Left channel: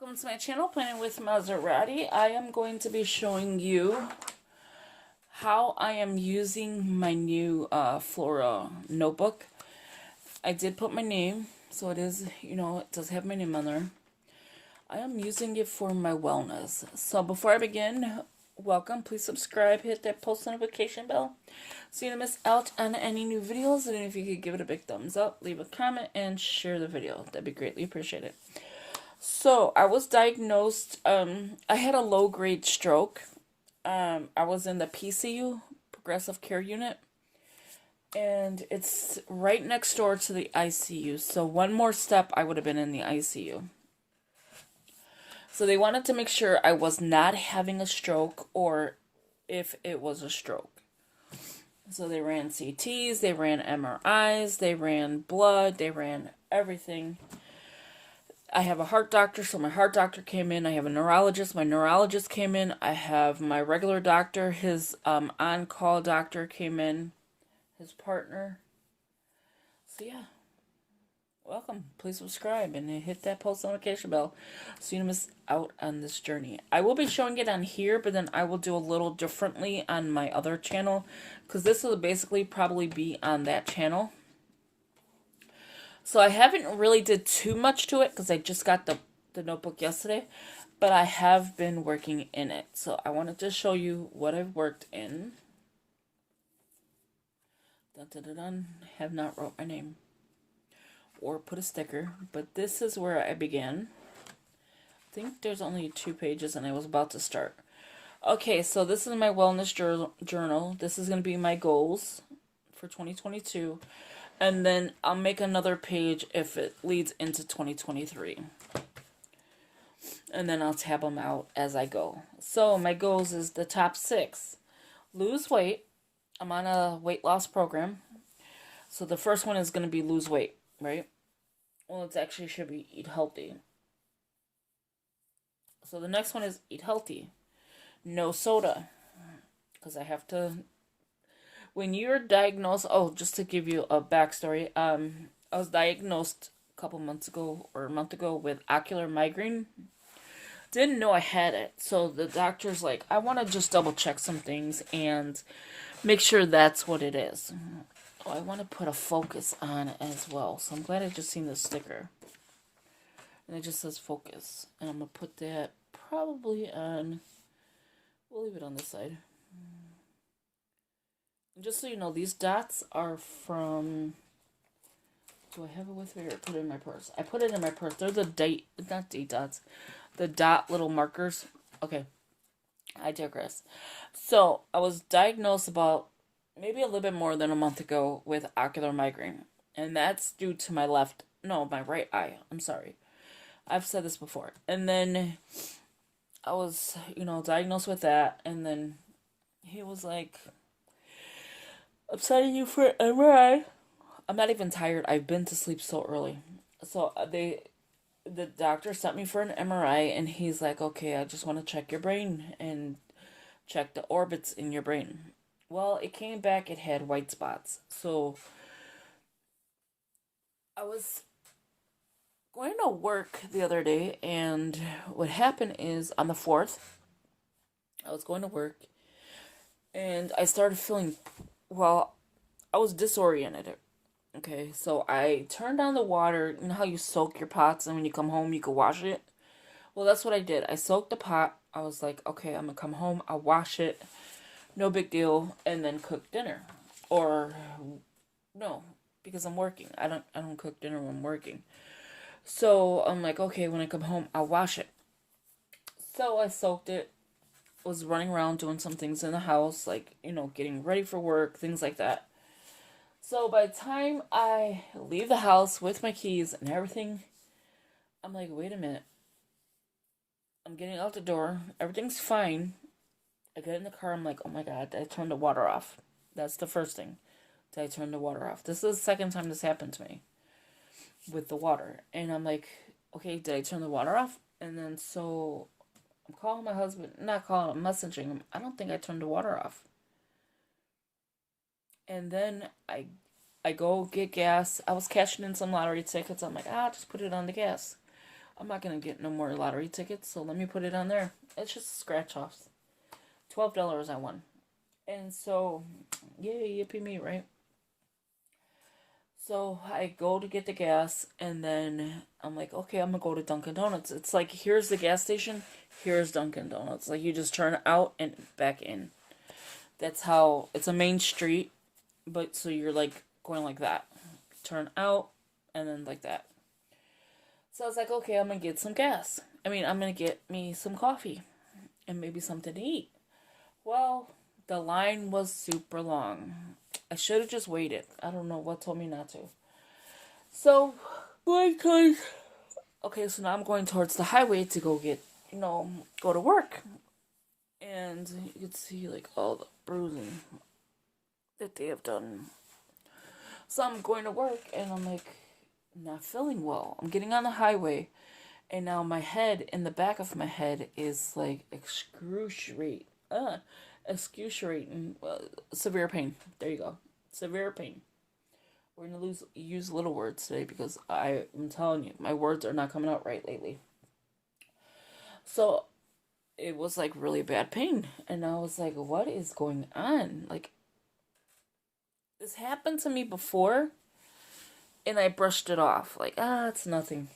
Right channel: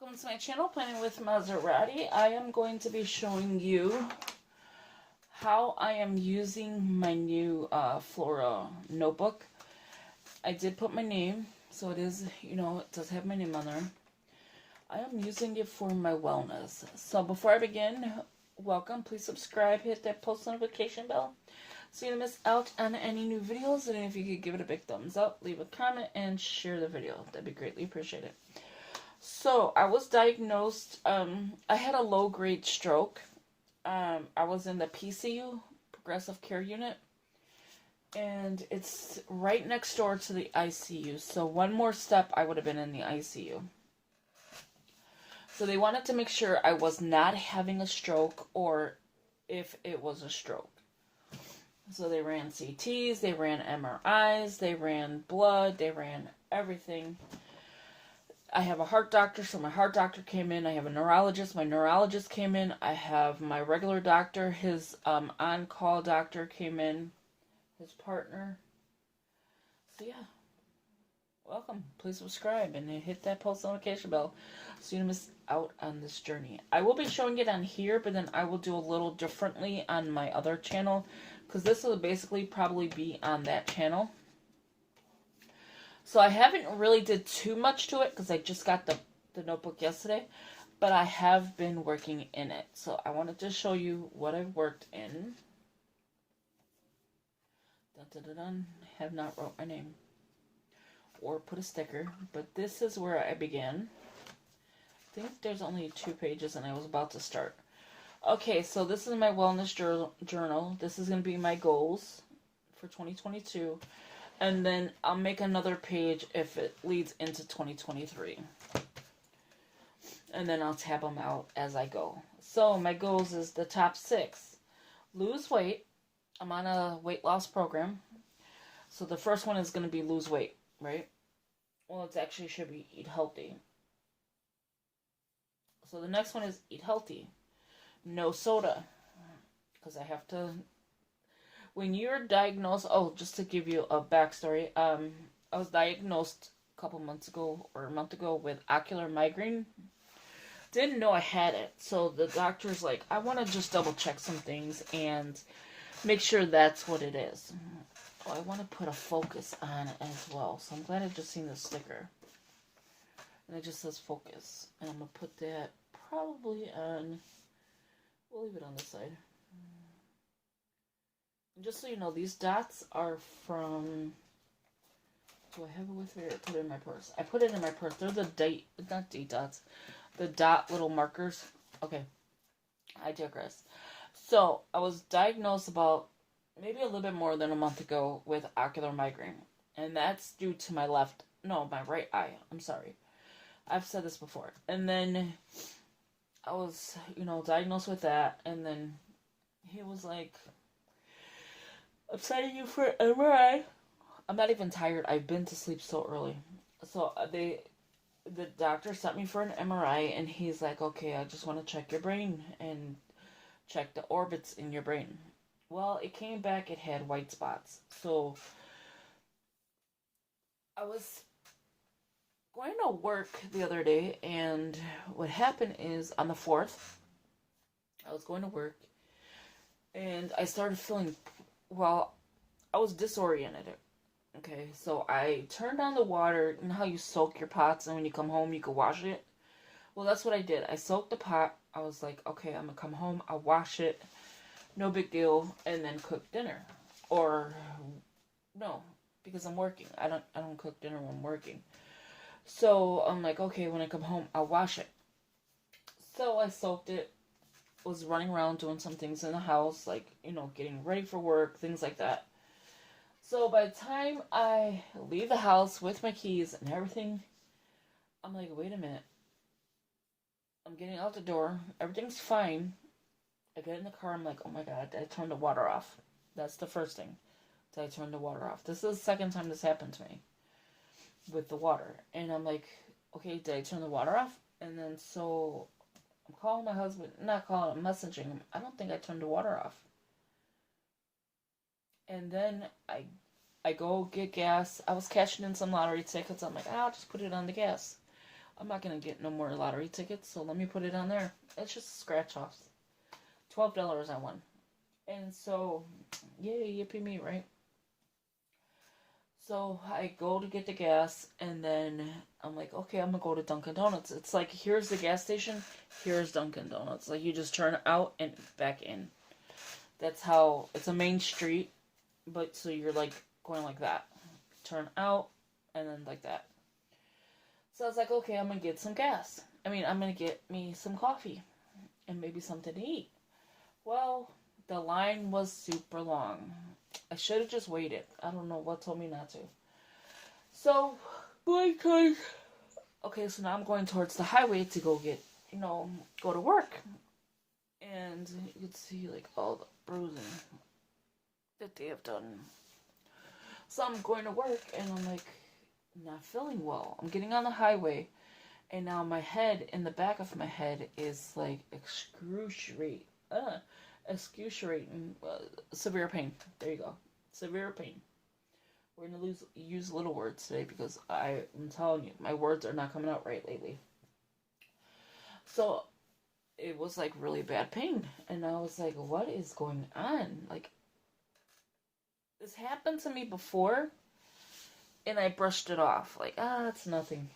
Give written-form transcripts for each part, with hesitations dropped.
Welcome to my channel, Planning with Maserati. I am going to be showing you how I am using my new Flora notebook. I did put my name, so it is, it does have my name on there. I am using it for my wellness. So before I begin, welcome. Please subscribe, hit that post notification bell so you don't miss out on any new videos. And if you could give it a big thumbs up, leave a comment, and share the video. That'd be greatly appreciated. So, I was diagnosed, I had a low-grade stroke. I was in the PCU, Progressive Care Unit, and it's right next door to the ICU. So, one more step, I would have been in the ICU. So, they wanted to make sure I was not having a stroke or if it was a stroke. So, they ran CTs, they ran MRIs, they ran blood, they ran everything. I have a heart doctor, so my heart doctor came in. I have a neurologist, my neurologist came in. I have my regular doctor, his on-call doctor came in, his partner. So yeah, welcome. Please subscribe and hit that post notification bell so you don't miss out on this journey. I will be showing it on here, but then I will do a little differently on my other channel because this will basically probably be on that channel. So I haven't really did too much to it because I just got the notebook yesterday, but I have been working in it. So I wanted to show you what I've worked in. Dun, dun, dun, dun. I have not wrote my name or put a sticker, but this is where I began. I think there's only 2 pages and I was about to start. Okay, so this is my wellness journal. This is going to be my goals for 2022. And then I'll make another page if it leads into 2023. And then I'll tab them out as I go. So my goals is the top 6. Lose weight. I'm on a weight loss program. So the first one is going to be lose weight, right? Well, it actually should be eat healthy. So the next one is eat healthy. No soda. Because I have to... When you're diagnosed, just to give you a backstory, I was diagnosed a couple months ago or a month ago with ocular migraine. Didn't know I had it. So the doctor's like, I want to just double check some things and make sure that's what it is. Oh, I want to put a focus on it as well. So I'm glad I just seen the sticker. And it just says focus. And I'm going to put that probably on, we'll leave it on this side. Just so you know, these dots are from... Do I have it with me or put it in my purse? I put it in my purse. They're the not date dots. The dot little markers. Okay. I digress. So, I was diagnosed about maybe a little bit more than a month ago with ocular migraine. And that's due to my my right eye. I'm sorry. I've said this before. And then I was, diagnosed with that. And then he was like... I'm sending you for an MRI. I'm not even tired. I've been to sleep so early. So the doctor sent me for an MRI and he's like, okay, I just want to check your brain and check the orbits in your brain. Well, it came back, it had white spots. So I was going to work the other day and what happened is on the 4th, I was going to work and I started feeling... Well, I was disoriented. Okay, so I turned on the water. You know how you soak your pots and when you come home you can wash it? Well, that's what I did. I soaked the pot. I was like, okay, I'm going to come home. I'll wash it. No big deal. And then cook dinner. Or, no, because I'm working. I don't cook dinner when I'm working. So I'm like, okay, when I come home, I'll wash it. So I soaked it. Was running around doing some things in the house, like, getting ready for work, things like that. So by the time I leave the house with my keys and everything, I'm like, wait a minute. I'm getting out the door. Everything's fine. I get in the car. I'm like, oh my God, I turned the water off. That's the first thing. Did I turn the water off? This is the second time this happened to me with the water. And I'm like, okay, did I turn the water off? And then so... I'm calling my husband, not calling him, messaging him. I don't think I turned the water off. And then I go get gas. I was cashing in some lottery tickets. I'm like, I'll just put it on the gas. I'm not going to get no more lottery tickets, so let me put it on there. It's just scratch-offs. $12 I won. And so, yay, yippee me, right? So I go to get the gas, and then I'm like, okay, I'm gonna go to Dunkin' Donuts. It's like, here's the gas station, here's Dunkin' Donuts. Like, you just turn out and back in. That's how, it's a main street, but so you're like going like that. Turn out, and then like that. So I was like, okay, I'm gonna get some gas. I'm gonna get me some coffee and maybe something to eat. Well, the line was super long. I should have just waited. I don't know what told me not to. So, okay, so now I'm going towards the highway to go get, go to work. And you can see, like, all the bruising that they have done. So I'm going to work, and I'm, like, not feeling well. I'm getting on the highway, and now my head, in the back of my head, is, like, excruciating, severe pain. There you go. Severe pain. We're going to use little words today because I'm telling you, my words are not coming out right lately. So it was like really bad pain. And I was like, what is going on? Like, this happened to me before and I brushed it off. Like, it's nothing.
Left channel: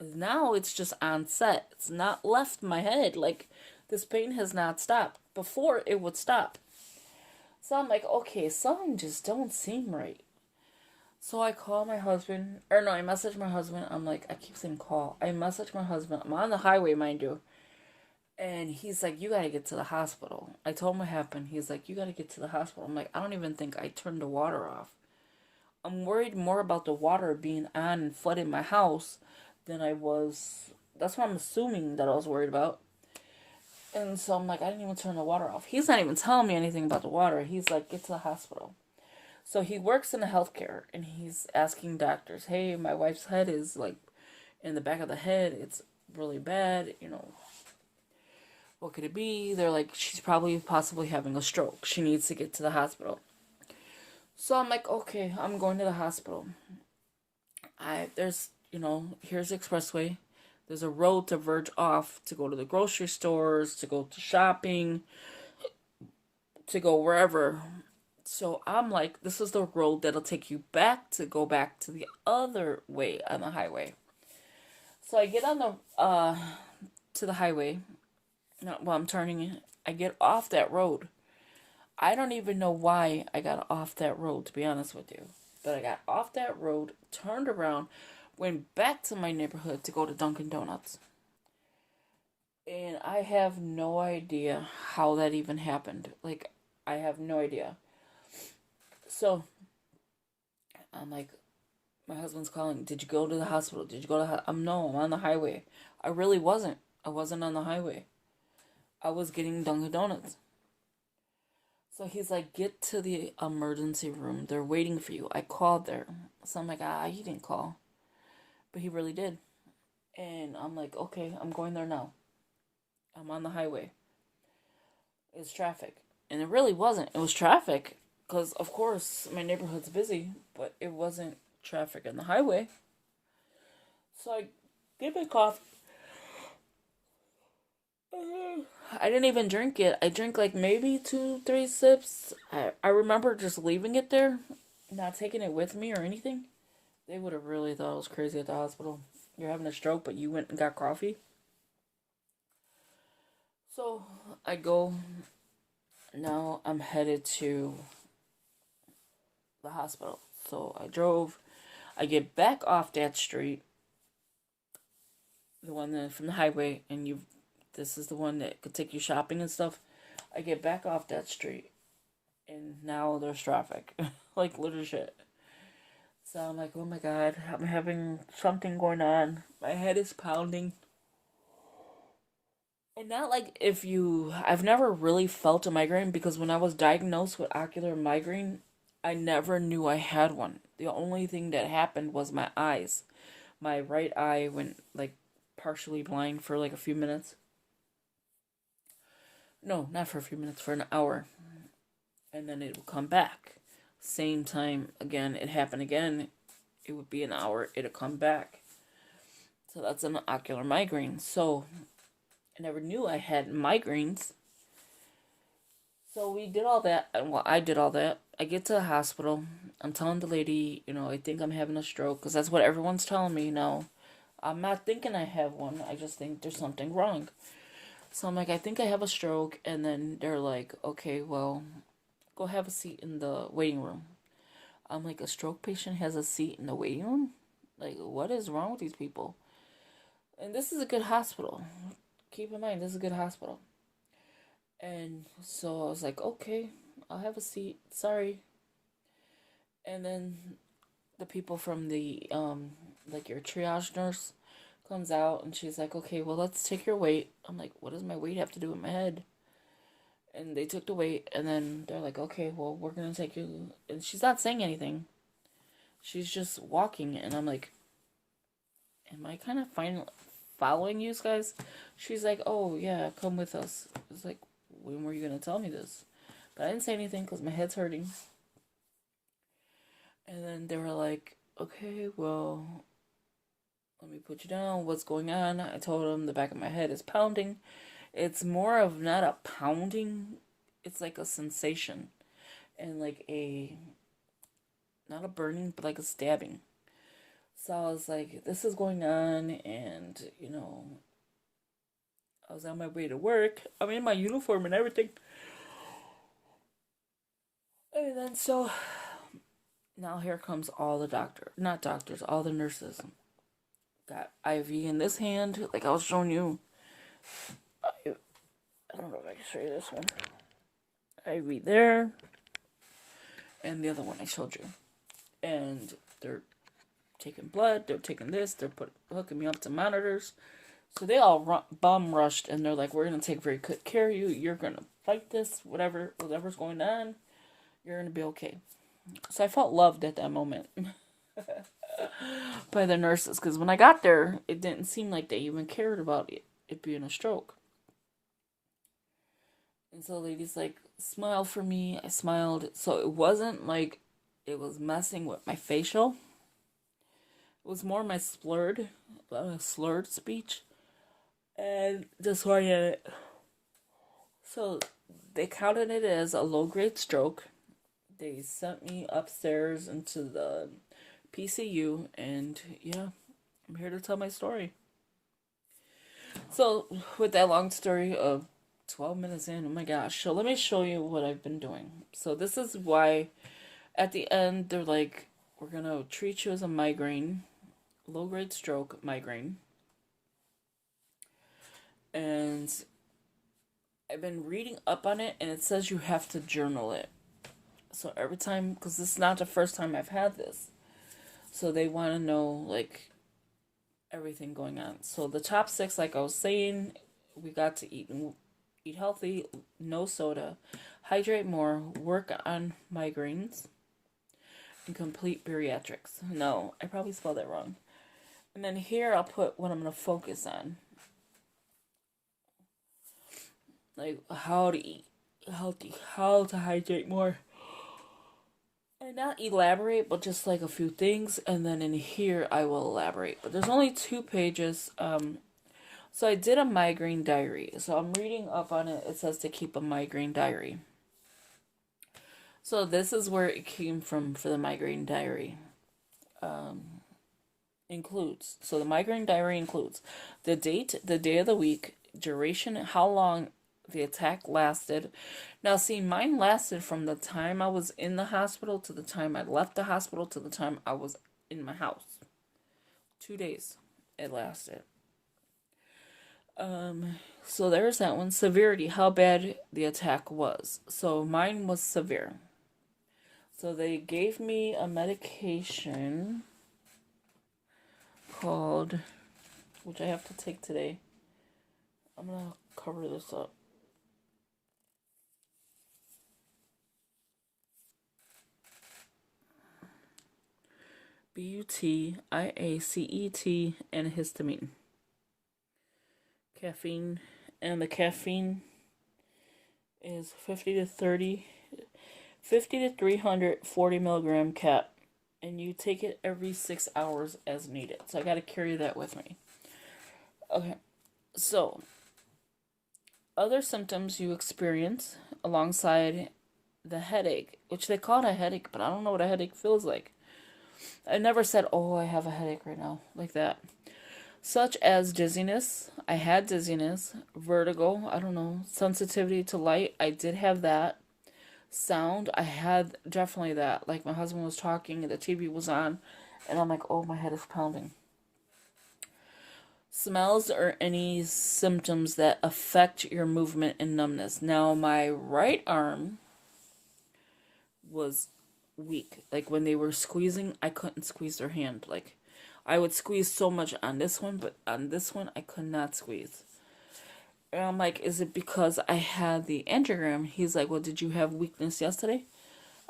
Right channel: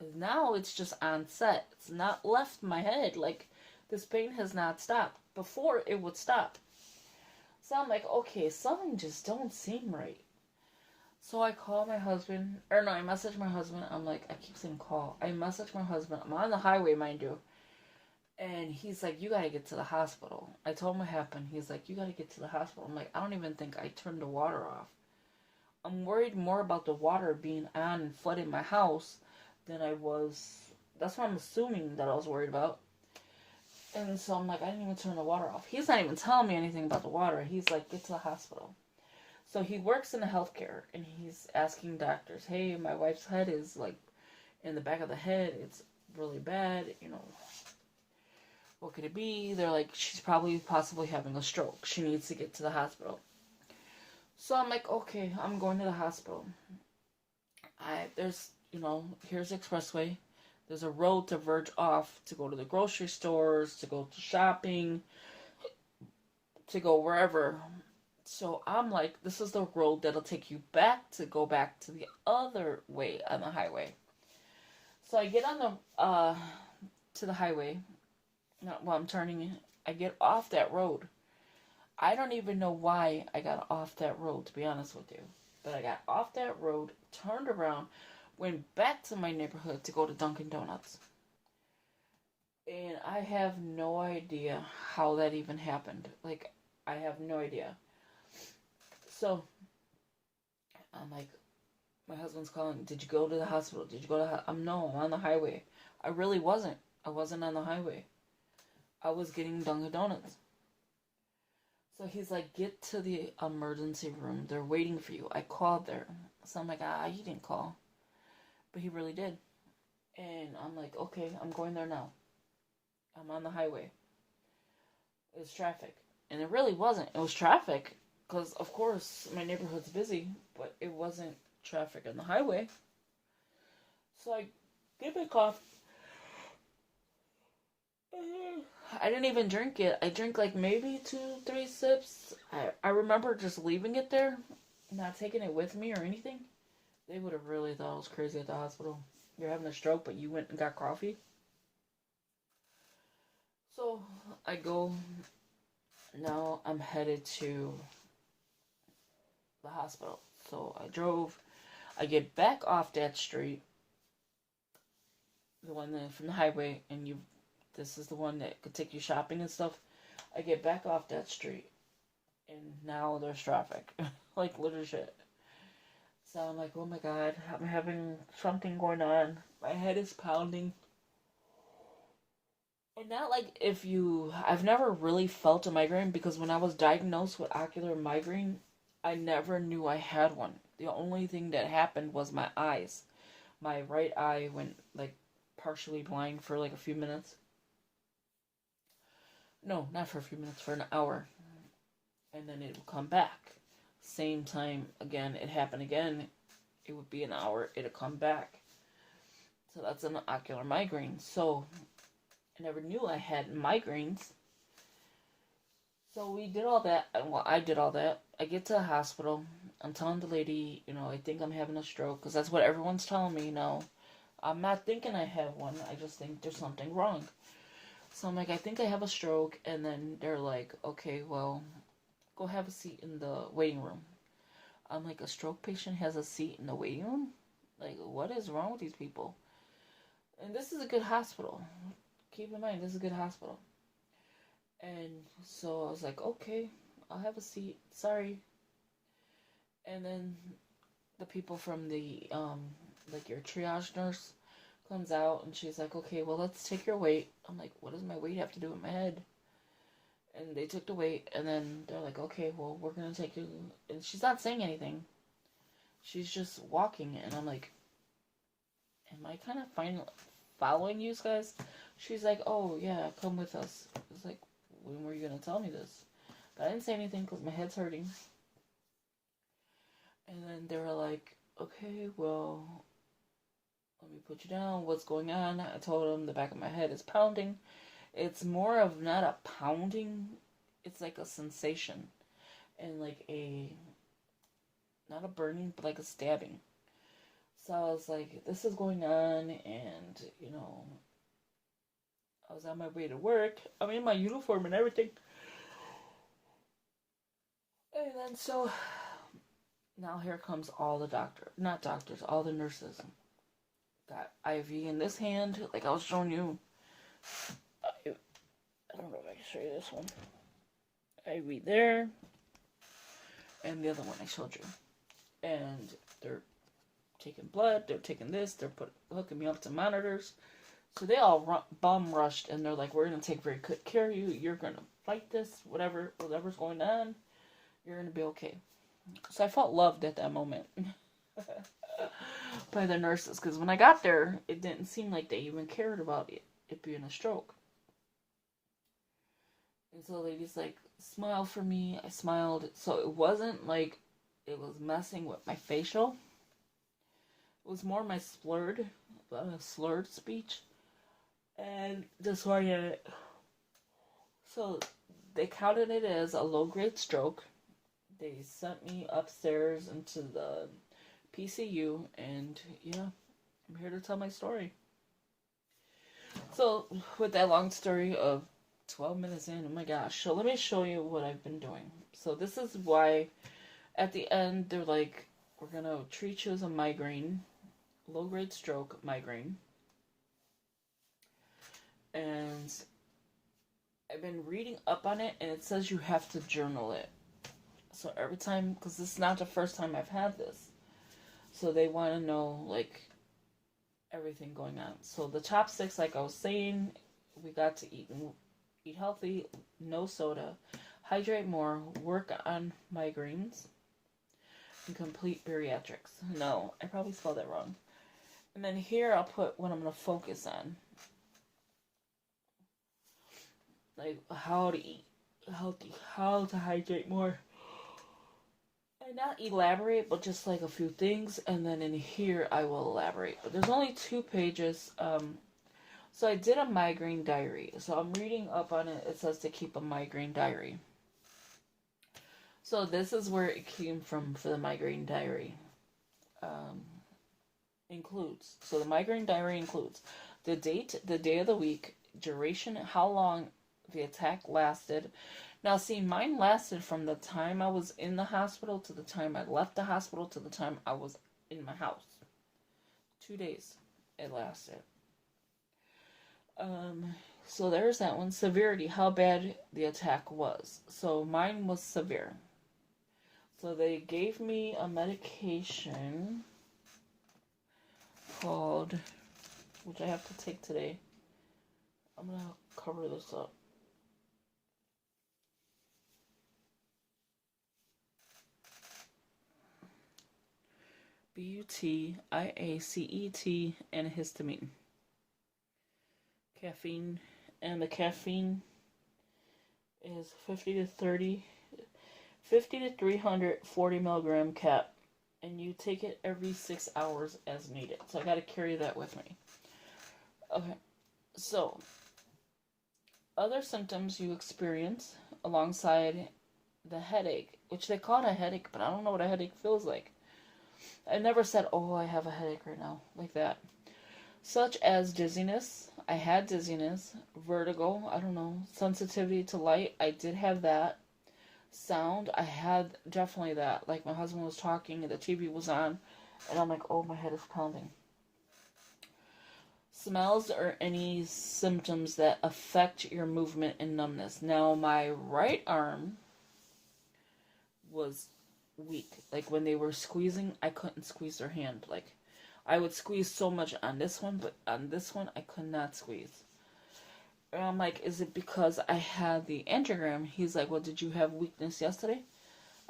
Now it's just on set. It's not left my head. Like, this pain has not stopped. Before it would stop. So I'm like, okay, something just don't seem right. So I call my husband, I message my husband. I'm like, I keep saying call. I message my husband. I'm on the highway, mind you. And he's like, you gotta get to the hospital. I told him what happened. He's like, you gotta get to the hospital. I'm like, I don't even think I turned the water off. I'm worried more about the water being on and flooding my house than I was. That's what I'm assuming that I was worried about. And so I'm like, I didn't even turn the water off. He's not even telling me anything about the water. He's like, get to the hospital. So he works in the healthcare, and he's asking doctors, hey, my wife's head is, like, in the back of the head. It's really bad, What could it be? They're like, she's possibly having a stroke. She needs to get to the hospital. So I'm like, okay, I'm going to the hospital. There's, here's the expressway. There's a road to verge off to go to the grocery stores, to go to shopping, to go wherever. So I'm like, this is the road that'll take you back to go back to the other way on the highway. So I get on to the highway. I'm turning it. I get off that road. I don't even know why I got off that road, to be honest with you. But I got off that road, turned around, went back to my neighborhood to go to Dunkin' Donuts. And I have no idea how that even happened. Like, I have no idea. So, I'm like, my husband's calling, did you go to the hospital? Did you go to no, I'm on the highway. I really wasn't. I wasn't on the highway. I was getting Dunkin' Donuts. So he's like, get to the emergency room. They're waiting for you. I called there. So I'm like, he didn't call. But he really did. And I'm like, okay, I'm going there now. I'm on the highway. It's traffic. And it really wasn't. It was traffic. Because, of course, my neighborhood's busy. But it wasn't traffic on the highway. So I get my coffee. I didn't even drink it. I drank like maybe 2-3 sips. I remember just leaving it there. Not taking it with me or anything. They would have really thought I was crazy at the hospital. You're having a stroke, but you went and got coffee. So I go. Now I'm headed to the hospital. So I drove. I get back off that street. The one from the highway. And this is the one that could take you shopping and stuff. I get back off that street. And now there's traffic. Like, literal shit. So I'm like, oh my god, I'm having something going on. My head is pounding. And not like I've never really felt a migraine because when I was diagnosed with ocular migraine, I never knew I had one. The only thing that happened was my eyes. My right eye went like partially blind for like a few minutes. No, not for a few minutes, for an hour. And then it would come back. Same time again, it happened again. It would be an hour, it'd come back. So that's an ocular migraine. So I never knew I had migraines. So we did all that. Well, I did all that. I get to the hospital. I'm telling the lady, I think I'm having a stroke because that's what everyone's telling me now. I'm not thinking I have one. I just think there's something wrong. So I'm like, I think I have a stroke. And then they're like, okay, well, go have a seat in the waiting room. I'm like, a stroke patient has a seat in the waiting room? Like, what is wrong with these people? And this is a good hospital. Keep in mind, this is a good hospital. And so I was like, okay, I'll have a seat. Sorry. And then the people from the, like your triage nurse comes out and she's like, okay, well, let's take your weight. I'm like, what does my weight have to do with my head? And they took the weight and then they're like, okay, well, we're going to take you. And she's not saying anything. She's just walking. And I'm like, am I kind of following you guys? She's like, oh, yeah, come with us. I was like, when were you going to tell me this? But I didn't say anything because my head's hurting. And then they were like, okay, well, let me put you down. What's going on? I told them the back of my head is pounding. It's more of not a pounding. It's like a sensation. And like not a burning, but like a stabbing. So I was like, this is going on. And, I was on my way to work. I'm in my uniform and everything. And then so now here comes all the not doctors, all the nurses. Got IV in this hand, like I was showing you. I don't know if I can show you this one. IV there. And the other one I showed you. And they're taking blood, they're taking this, they're hooking me up to monitors. So they all bum rushed and they're like, we're going to take very good care of you. You're going to fight this, whatever's going on. You're going to be okay. So I felt loved at that moment by the nurses. Because when I got there, it didn't seem like they even cared about it being a stroke. And so the lady's like, smile for me. I smiled. So it wasn't like it was messing with my facial. It was more my slurred speech. And disoriented. So they counted it as a low-grade stroke. They sent me upstairs into the PCU. And yeah, I'm here to tell my story. So with that long story of 12 minutes in, oh my gosh. So let me show you what I've been doing. So this is why at the end they're like, we're going to treat you as a migraine, low-grade stroke migraine. And I've been reading up on it and it says you have to journal it. So every time, because this is not the first time I've had this. So they want to know like everything going on. So the top 6, like I was saying, we got to eat healthy, no soda, hydrate more, work on migraines, and complete bariatrics. No, I probably spelled that wrong. And then here I'll put what I'm going to focus on. Like how to eat healthy, how to hydrate more. And not elaborate, but just like a few things. And then in here I will elaborate. But there's only 2 pages. So I did a migraine diary. So I'm reading up on it. It says to keep a migraine diary. So this is where it came from for the migraine diary. Includes. So the migraine diary includes the date, the day of the week, duration, how long the attack lasted. Now see, mine lasted from the time I was in the hospital to the time I left the hospital to the time I was in my house. 2 days it lasted. So there's that one. Severity, how bad the attack was. So mine was severe. So they gave me a medication called, which I have to take today. I'm going to cover this up. BUT, IACET, and histamine. Caffeine, and the caffeine is 50 to 340 milligram cap, and you take it every 6 hours as needed. So I got to carry that with me. Okay, so other symptoms you experience alongside the headache, which they call it a headache, but I don't know what a headache feels like. I never said, oh, I have a headache right now, like that. Such as dizziness. I had dizziness, vertigo, I don't know, sensitivity to light. I did have that. Sound, I had definitely that. Like my husband was talking and the TV was on, and I'm like, oh, my head is pounding. Smells or any symptoms that affect your movement and numbness. Now, my right arm was weak. Like when they were squeezing, I couldn't squeeze their hand. Like I would squeeze so much on this one, but on this one, I could not squeeze. And I'm like, is it because I had the angiogram? He's like, well, did you have weakness yesterday?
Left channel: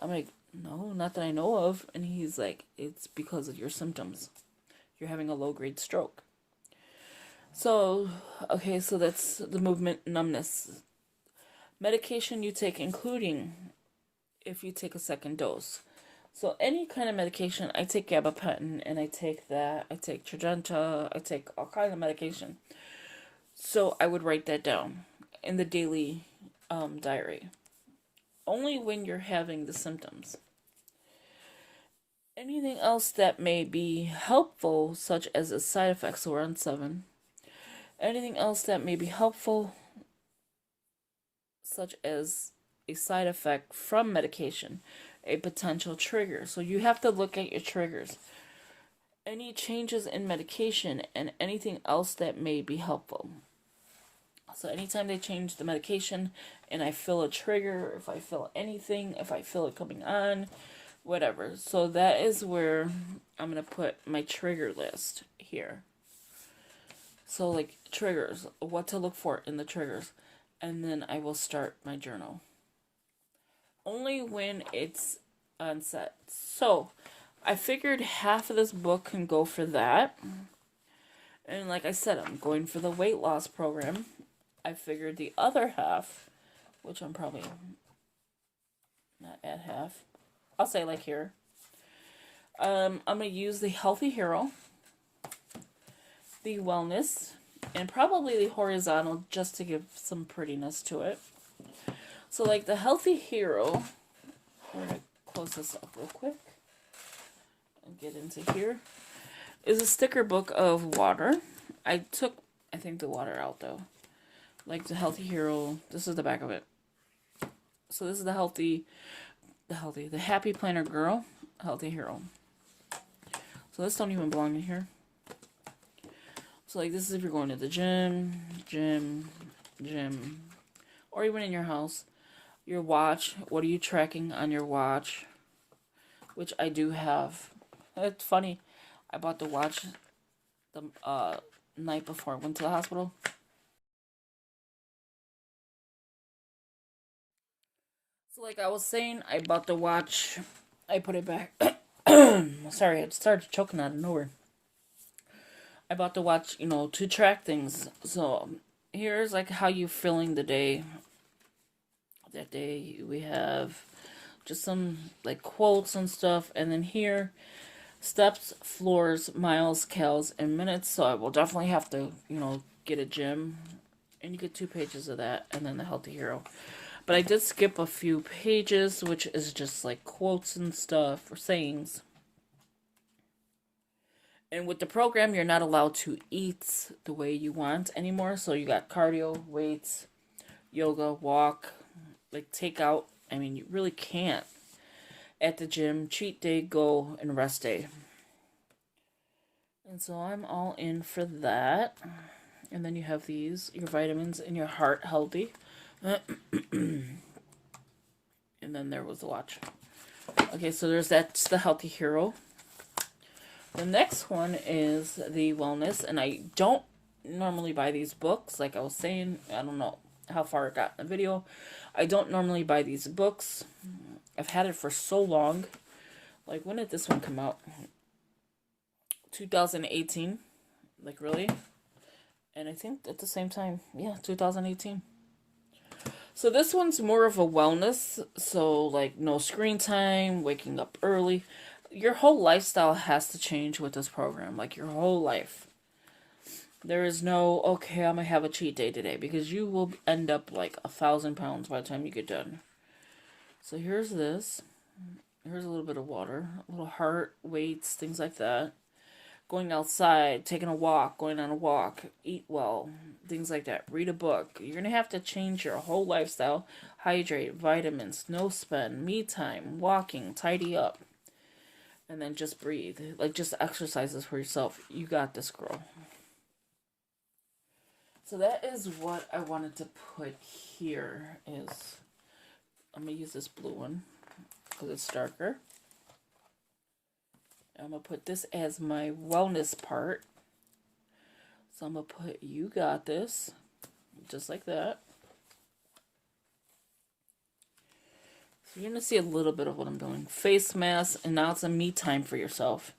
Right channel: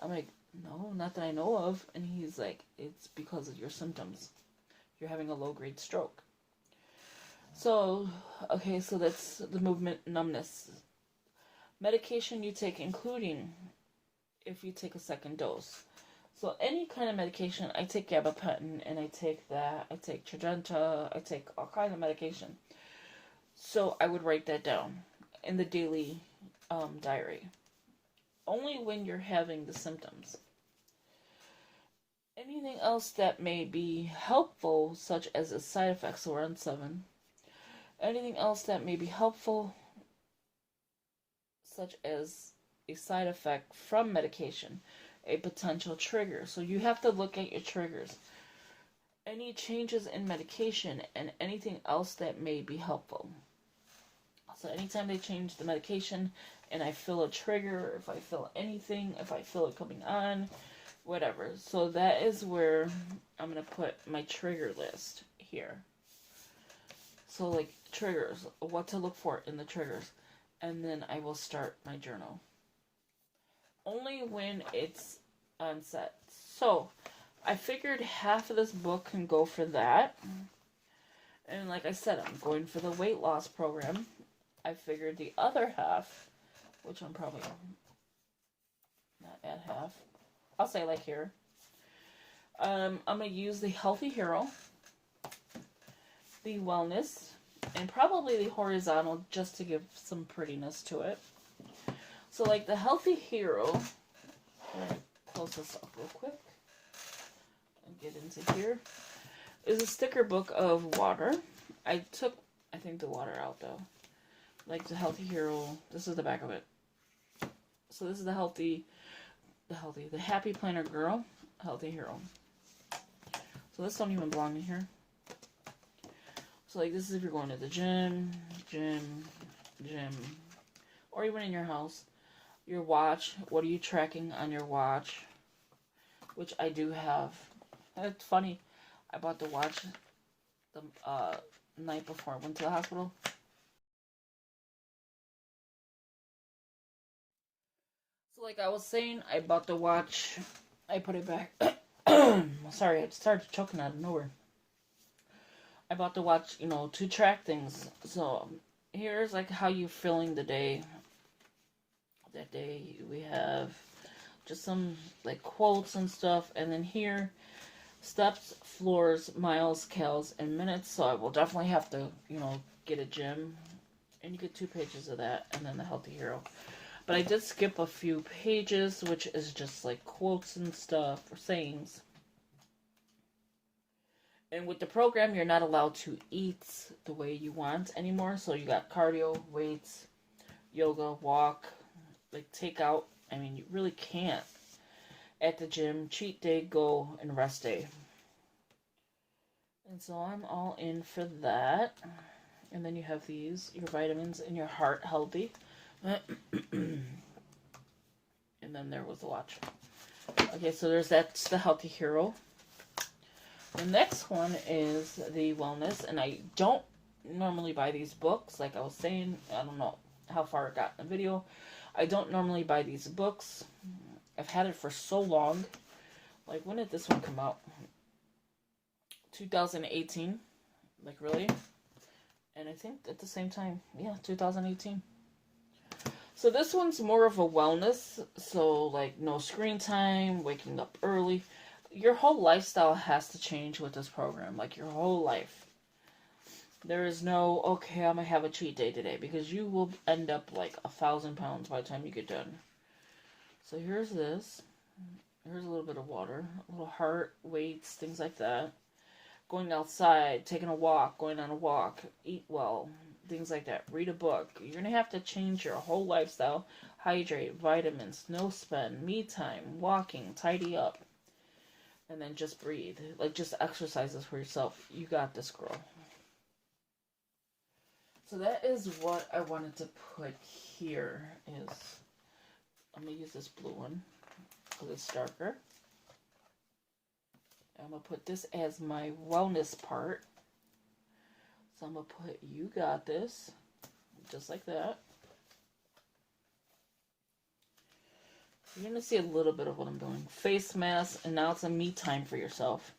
I'm like, no, not that I know of. And he's like, it's because of your symptoms. You're having a low-grade stroke. So, okay, so that's the movement numbness. Medication you take, including if you take a second dose. So any kind of medication, I take gabapentin, and I take that. I take Tradenta. I take all kinds of medication. So I would write that down in the daily diary. Only when you're having the symptoms. Anything else that may be helpful, such as a side effect, so we're on 7. Anything else that may be helpful, such as a side effect from medication, a potential trigger. So you have to look at your triggers. Any changes in medication and anything else that may be helpful. So anytime they change the medication and I feel a trigger, if I feel anything, if I feel it coming on, whatever. So that is where I'm going to put my trigger list here. So like triggers, what to look for in the triggers. And then I will start my journal. Only when it's on set. So I figured half of this book can go for that. And like I said, I'm going for the weight loss program. I figured the other half, which I'm probably not at half. I'll say like here. I'm going to use the Healthy Hero, the Wellness, and probably the Horizontal just to give some prettiness to it. So like the Healthy Hero, I'm going to close this up real quick and get into here, is a sticker book of water. I took, I think, the water out though. Like the Healthy Hero, this is the back of it. So this is the Happy Planner Girl, Healthy Hero. So this don't even belong in here. So like this is if you're going to the gym, or even in your house. Your watch, what are you tracking on your watch? Which I do have. It's funny, I bought the watch the night before I went to the hospital. So like I was saying, I bought the watch, I put it back. Sorry, I started choking out of nowhere. I bought the watch, to track things. So here's like how you feeling the day. That day we have just some like quotes and stuff, and then here steps, floors, miles, cals, and minutes. So I will definitely have to get a gym, and you get 2 pages of that, and then the Healthy Hero. But I did skip a few pages, which is just like quotes and stuff or sayings. And with the program, you're not allowed to eat the way you want anymore. So you got cardio, weights, yoga, walk, like takeout. I mean, you really can't. At the gym, cheat day, go, and rest day. And so I'm all in for that. And then you have these, your vitamins and your heart healthy. And then there was the watch. Okay, so that's the Healthy Hero. The next one is the Wellness, and I don't normally buy these books. Like I was saying, I don't know how far it got in the video. I don't normally buy these books. I've had it for so long. Like, when did this one come out? 2018. Like, really? And I think at the same time, yeah, 2018. So this one's more of a wellness. So, like, no screen time, waking up early. Your whole lifestyle has to change with this program. Like, your whole life. There is no, okay, I'm gonna have a cheat day today, because you will end up like 1,000 pounds by the time you get done. So here's this. Here's a little bit of water, a little heart, weights, things like that. Going outside, taking a walk, going on a walk, eat well, things like that. Read a book. You're going to have to change your whole lifestyle. Hydrate, vitamins, no spend, me time, walking, tidy up. And then just breathe. Like, just exercises for yourself. You got this, girl. So that is what I wanted to put here. I'm going to use this blue one because it's darker. I'm going to put this as my wellness part. So I'm going to put, you got this, just like that. So you're going to see a little bit of what I'm doing. Face mask, and now it's a me time for yourself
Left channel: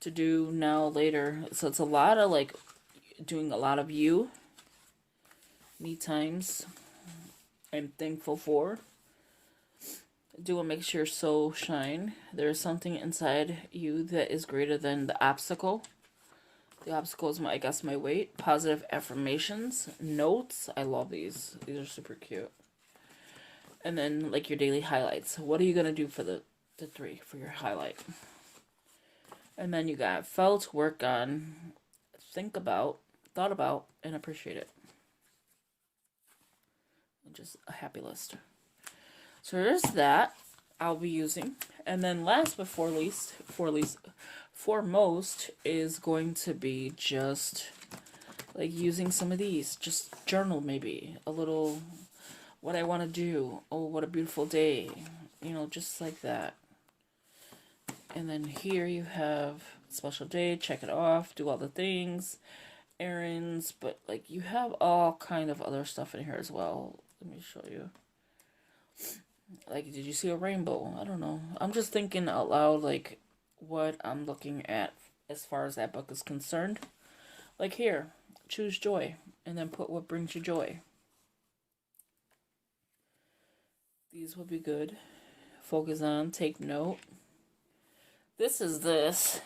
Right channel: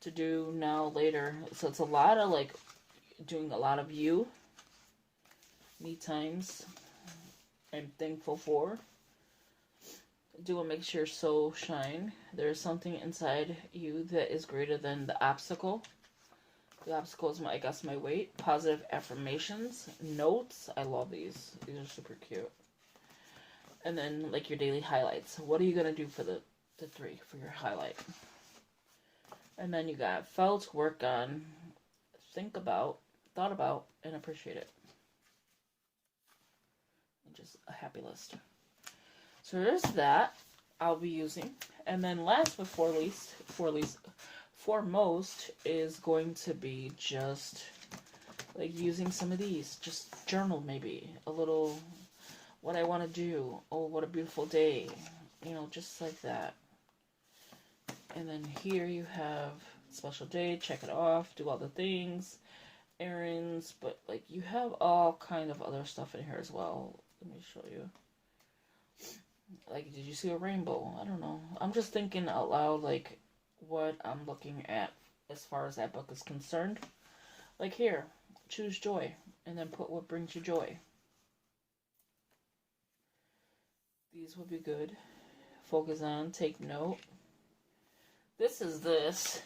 to do now, later. So it's a lot of, like, doing a lot of you. Me times I'm thankful for. Do what makes your soul shine. There's something inside you that is greater than the obstacle. The obstacle is I guess my weight. Positive affirmations. Notes. I love these. These are super cute. And then, like, your daily highlights. What are you going to do for the 3 for your highlight? And then you got felt, work on, think about, thought about, and appreciate it. And just a happy list. So there's that I'll be using. And then last but foremost is going to be just like using some of these. Just journal, maybe. A little what I want to do. Oh, what a beautiful day. You know, just like that. And then here you have special day, check it off, do all the things, errands, but like you have all kind of other stuff in here as well. Let me show you. Like, did you see a rainbow? I don't know. I'm just thinking out loud, like, what I'm looking at as far as that book is concerned. Like here, choose joy, and then put what brings you joy. These will be good. Focus on, take note. This is this.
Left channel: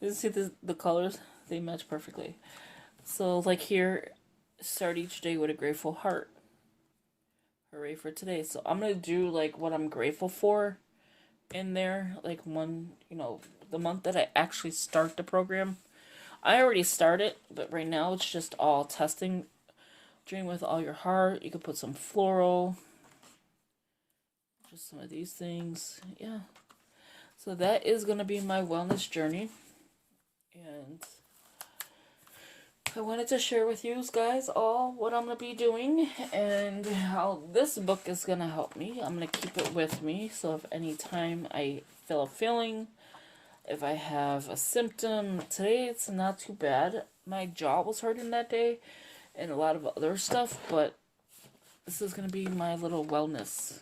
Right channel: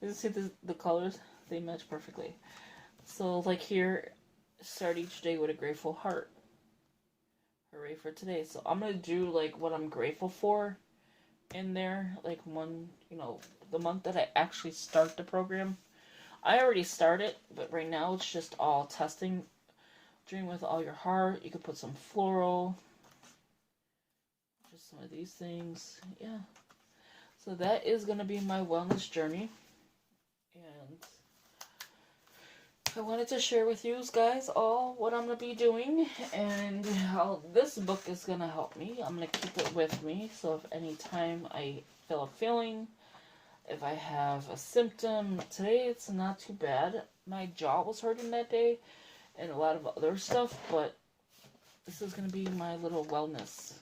You see the colors? They match perfectly. So, like here, start each day with a grateful heart. Hooray for today. So I'm going to do like what I'm grateful for in there. Like one, you know, the month that I actually start the program. I already started, but right now it's just all testing. Dream with all your heart. You could put some floral. Just some of these things. Yeah. So that is going to be my wellness journey. And I wanted to share with you guys all what I'm going to be doing and how this book is going to help me. I'm going to keep it with me. So if any time I feel a feeling, if I have a symptom, today it's not too bad. My jaw was hurting that day and a lot of other stuff, but this is going to be my little wellness.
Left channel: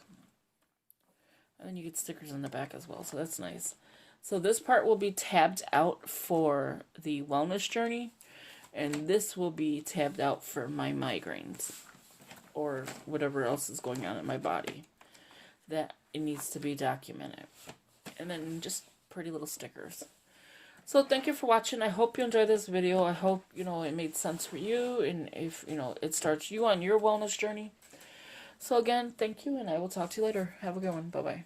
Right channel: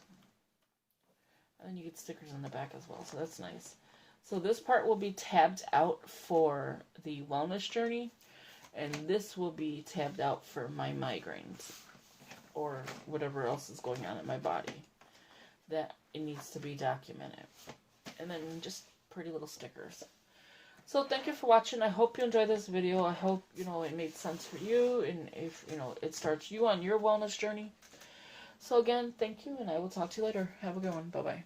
And then you get stickers in the back as well, so that's nice. So this part will be tabbed out for the wellness journey. And this will be tabbed out for my migraines or whatever else is going on in my body that it needs to be documented. And then just pretty little stickers. So thank you for watching. I hope you enjoyed this video. I hope, you know, it made sense for you. And if, you know, it starts you on your wellness journey. So again, thank you. And I will talk to you later. Have a good one. Bye-bye.